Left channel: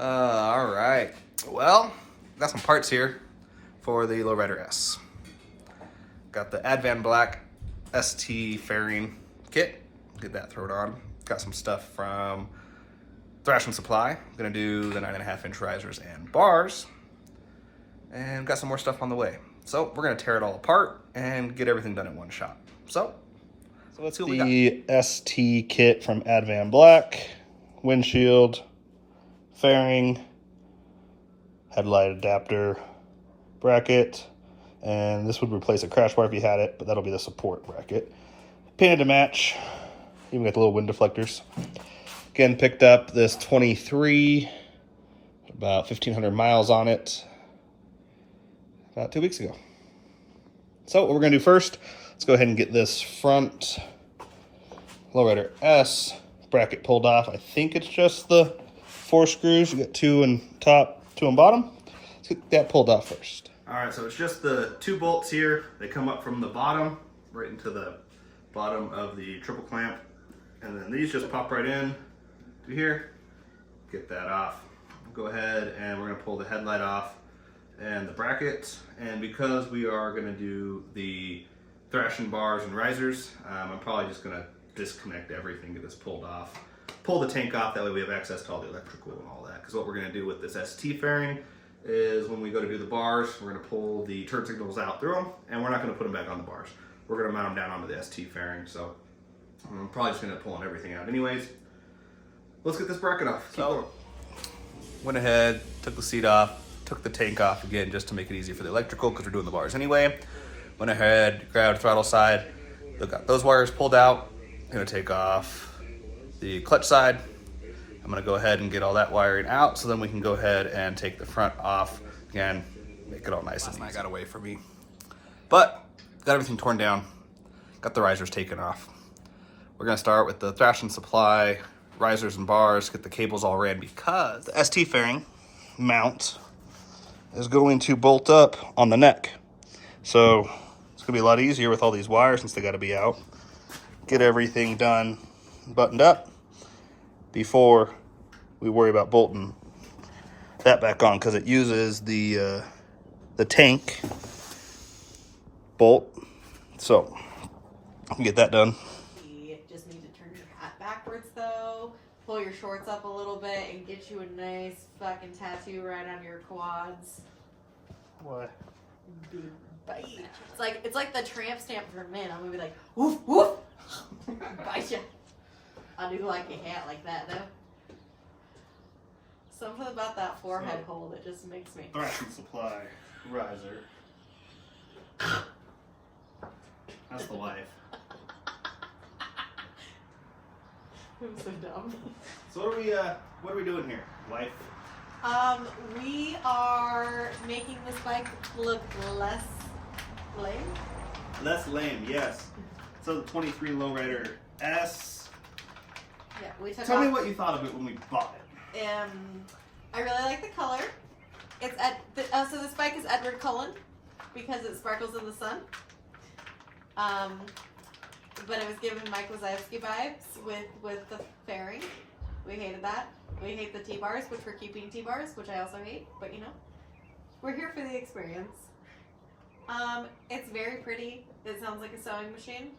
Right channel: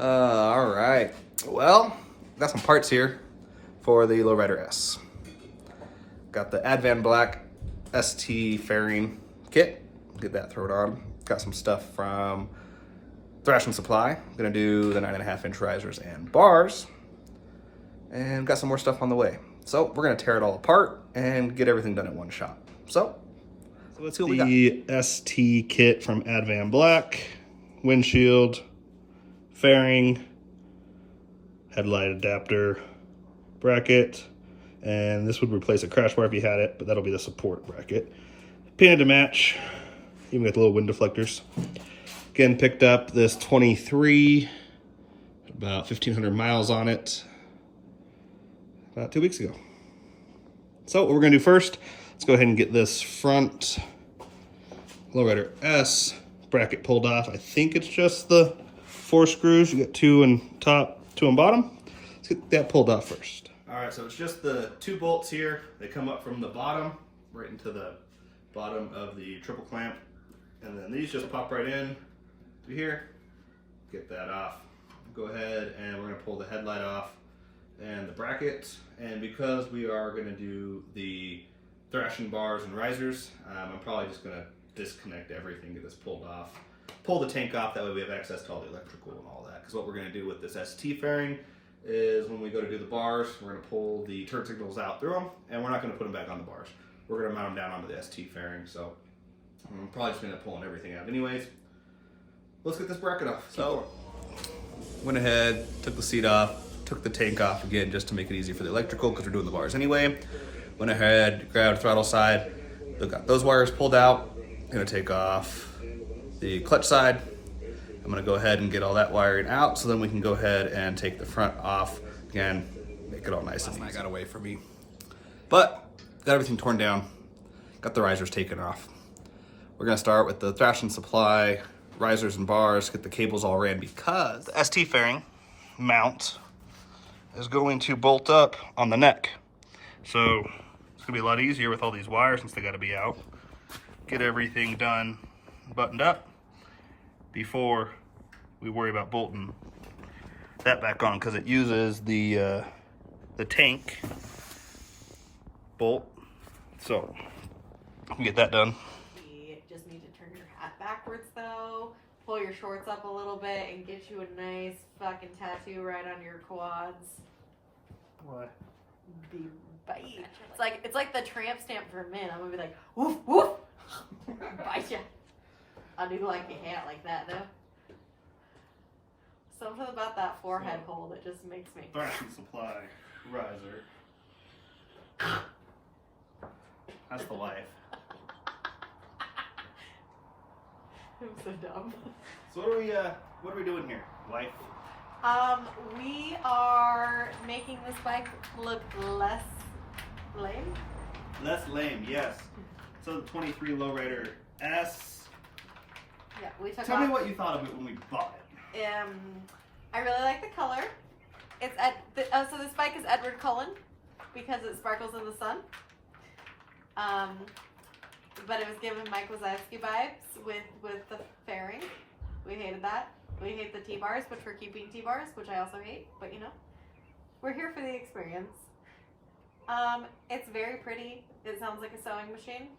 All right. Well, got some parts here for the Low Rider S. Got the Advanblack ST Fairing kit. Get that thrown on. Got some stuff from Thrashing Supply. Gonna do the 9.5-inch risers and bars. And got some more stuff on the way. So we're gonna tear it all apart and get everything done in one shot. So let's see what we got. The ST kit from Advanblack, windshield, fairing, headlight adapter, bracket, and this would replace a crash bar if you had it, but that'll be the support bracket. Painted to match, even got the little wind deflectors. Again, picked up this 23, about 1,500 miles on it, about 2 weeks ago. So what we're gonna do first, let's go ahead and get this front Low Rider S bracket pulled off. I think it's just the 4 screws. You got 2 on top, 2 on bottom. Let's get that pulled off first. All right, so it's just the 2 bolts here. They come up from the bottom, right into the bottom of the triple clamp. And then these just pop right in to here. Get that off. Go ahead and we're gonna pull the headlight off and the bracket. And because we are gonna do the Thrashing bars and risers, I'm probably just gonna disconnect everything, get this pulled off. Pull the tank off, that way we have access to all the electrical and all that. Because what we're gonna do with this ST fairing is when we go to do the bars, we're gonna pull the turn signals out through them, and we're not gonna put them back on the bars. We're gonna mount them down onto the ST fairing, so I'm probably just gonna end up pulling everything out anyways. Let's get this bracket off. So, went ahead, took the seat off, took the tank off again just to make it easy for the electrical because we're doing the bars anyway. Went ahead, grabbed throttle side, got those wires pulled out. Gonna take off the clutch side. I'm gonna go ahead and get all that wiring out so then we can go ahead and take the front off. Again, make it all nice and easy. Last night got away from me. But, got everything torn down. Got the risers taken off. We're gonna start with the Thrashing Supply risers and bars, get the cables all ran because the ST fairing mount is going to bolt up on the neck. So, it's gonna be a lot easier with all these wires since they gotta be out. Get everything done, buttoned up before we worry about bolting that back on because it uses the tank bolt. So I can get that done. You just need to turn your hat backwards though, pull your shorts up a little bit and get you a nice fucking tattoo right on your quads. What? Bite. It's like the tramp stamp for men. I'm gonna be like, woof woof. Bite ya. I do like a hat like that though. Something about that forehead hole that just makes me. Thrashing Supply riser. That's the life. I'm so dumb. So what are we doing here? Life? We are making this bike look less lame. Less lame, yes. So the 23 Low Rider S. Yeah, we took Tell me what you thought of it when we bought it. I really like the color. It's so this bike is Edward Cullen because it sparkles in the sun. But it was giving Mike Wazowski vibes with the fairing. We hated that. We hate the T-bars, which we're keeping T-bars, which I also hate. But you know, we're here for the experience. It's very pretty. It sounds like a sewing machine.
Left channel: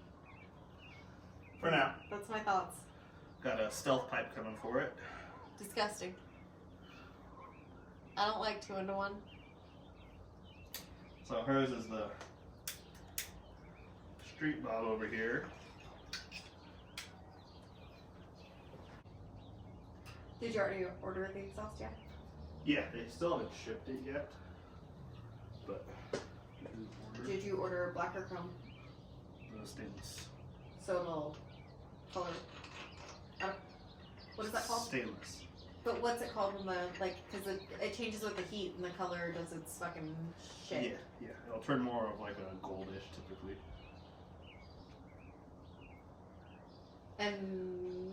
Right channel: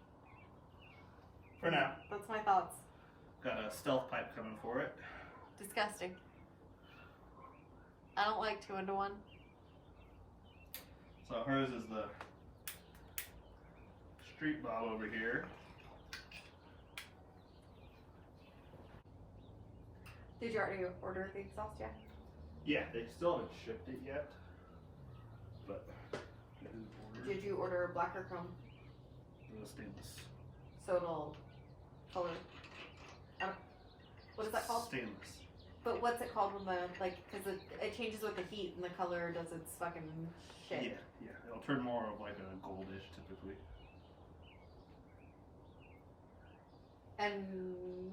For now. That's my thoughts. Got a stealth pipe coming for it. Disgusting. I don't like 2-in-1. So hers is the street bob over here. Did you already order the exhaust yet? Yeah, they still haven't shipped it yet. But Did you order black or chrome? The stainless. So it'll color. What is that called? Stainless. But what's it called when because it changes with the heat and the color does its fucking shit. Yeah. It'll turn more of like a goldish typically. And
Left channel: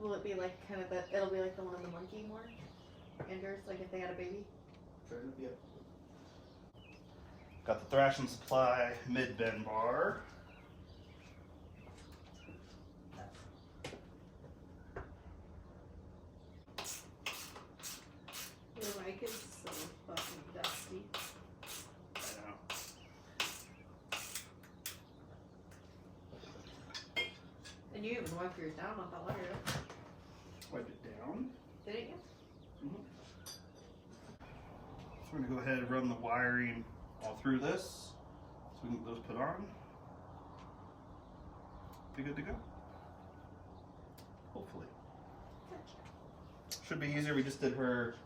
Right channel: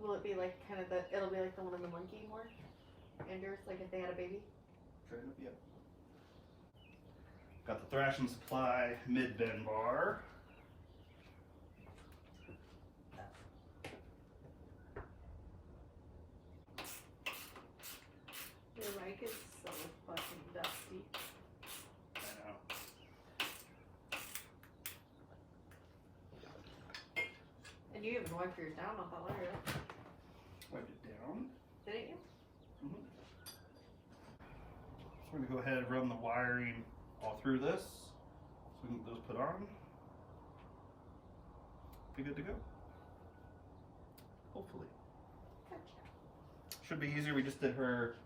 will it be like kind of it'll be like the one in the monkey more? Anders, like if they had a baby? Yep. Got the Thrashing Supply mid-bend bar. You even wiped yours down not that long ago. Wipe it down. Didn't you? So we're gonna go ahead and run the wiring all through this, so we can get those put on. Be good to go. Hopefully. Should be easier. We just did her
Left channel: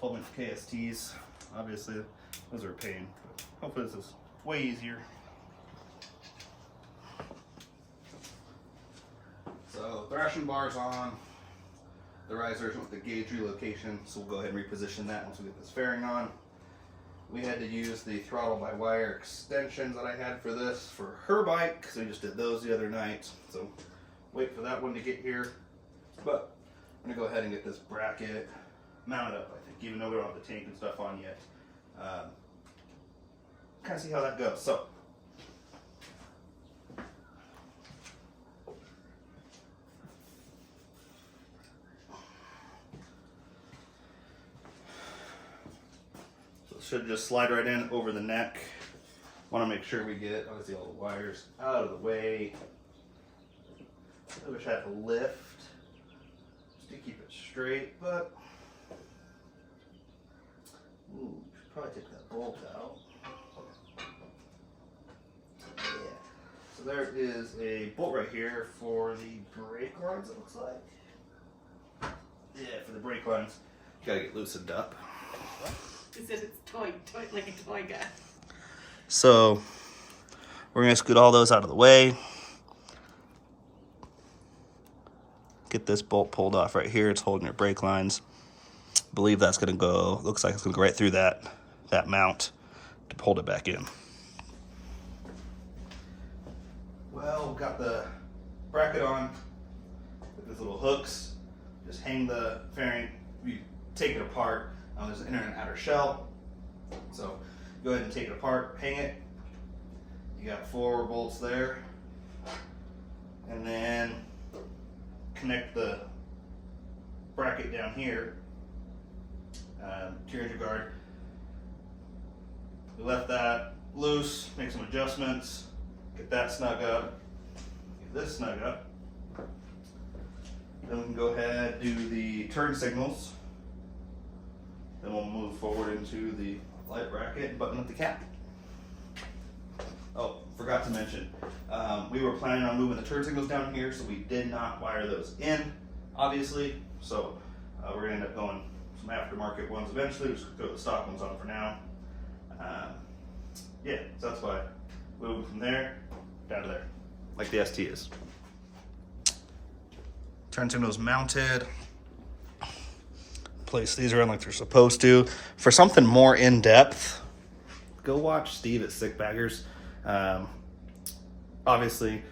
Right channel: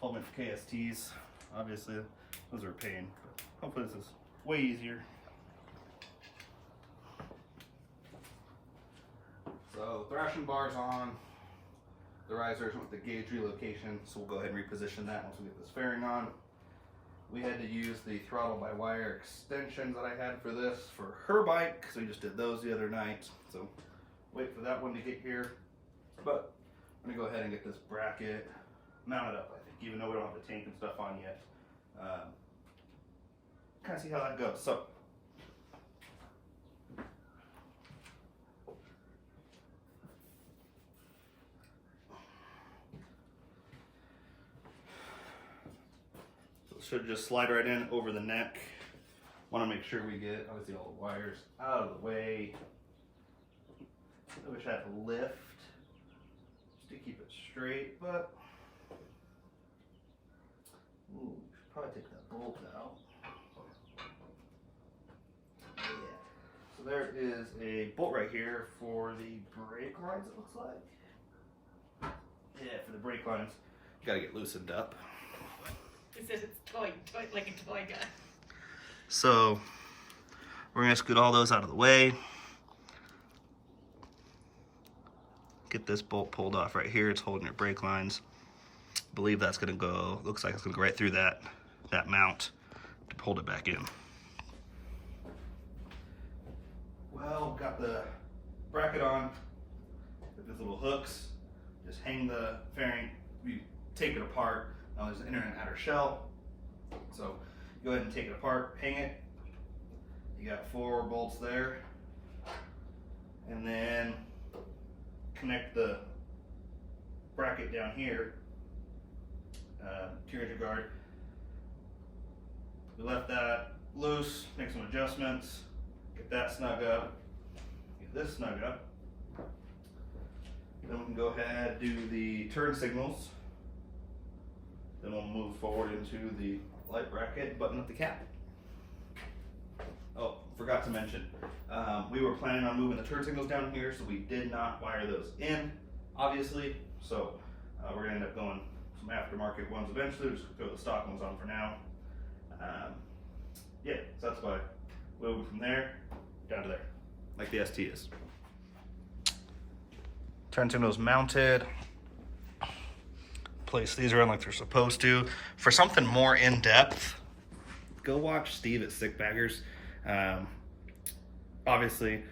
12-inch KSTs. Obviously, those are a pain, but hopefully this is way easier. So thrashing bars on. The risers with the gauge relocation, so we'll go ahead and reposition that once we get this fairing on. We had to use the throttle by wire extensions that I had for this for her bike, because we just did those the other night. So wait for that one to get here. But I'm gonna go ahead and get this bracket mounted up, I think, even though we don't have the tank and stuff on yet. Kind of see how that goes. So should just slide right in over the neck. Want to make sure we get, obviously, all the wires out of the way. I wish I had a lift just to keep it straight, but ooh, should probably take that bolt out. Yeah. So there is a bolt right here for the brake lines, it looks like. Yeah, for the brake lines. You gotta get loosened up. He said it's toy like a toy gun. So we're gonna scoot all those out of the way. Get this bolt pulled off right here. It's holding your brake lines. I believe that's gonna go, looks like it's gonna go right through that mount to hold it back in. Well, got the bracket on with these little hooks. Just hang the fairing, you take it apart. There's an inner and outer shell. So go ahead and take it apart, hang it. You got 4 bolts there. And then connect the bracket down here to your edge guard. We left that loose, make some adjustments, get that snug up, get this snug up. Then we can go ahead and do the turn signals. Then we'll move forward into the light bracket and button up the cap. Oh, forgot to mention, we were planning on moving the turn signals down here, so we did not wire those in, obviously. So we're gonna end up going some aftermarket ones eventually. We'll just throw the stock ones on for now. Yeah, so that's why we'll move from there down to there, like the ST is. Turn signals mounted. Place these around like they're supposed to. For something more in depth, go watch Steve at Sick Baggers. Obviously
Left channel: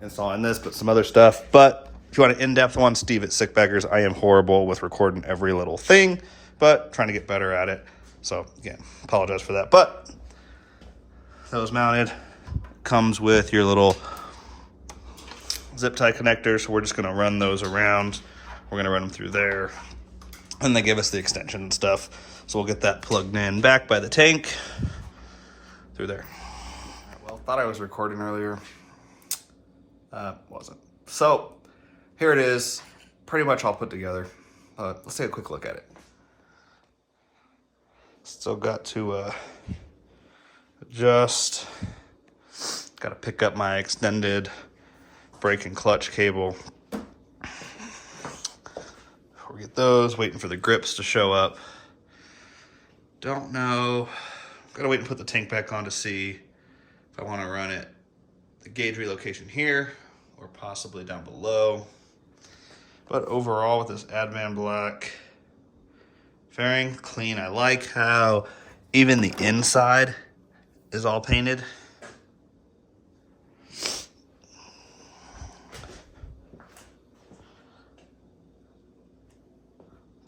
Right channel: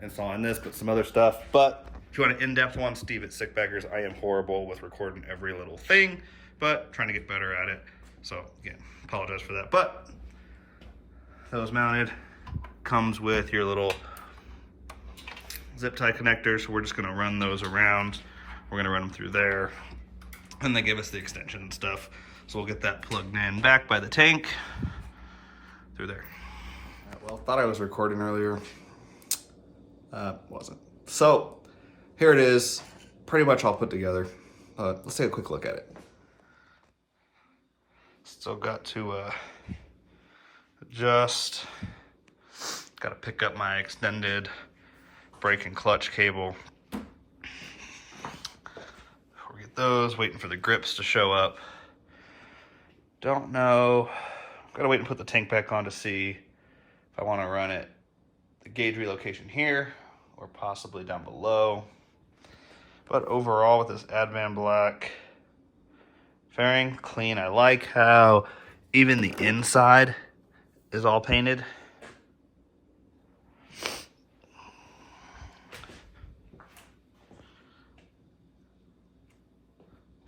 installing this, but some other stuff. But if you want an in-depth one, Steve at Sick Baggers. I am horrible with recording every little thing, but trying to get better at it. So again, apologize for that. But those mounted, comes with your little zip tie connectors. So we're just gonna run those around. We're gonna run them through there. And they give us the extension and stuff. So we'll get that plugged in back by the tank through there. All right, well, thought I was recording earlier. Wasn't. So here it is, pretty much all put together. Let's take a quick look at it. Still got to adjust. Got to pick up my extended brake and clutch cable. Get those, waiting for the grips to show up. Don't know. Gotta wait and put the tank back on to see if I want to run it, the gauge relocation here or possibly down below. But overall with this Advanblack fairing, clean. I like how even the inside is all painted.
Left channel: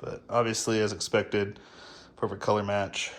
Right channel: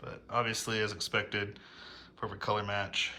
But obviously, as expected, perfect color match.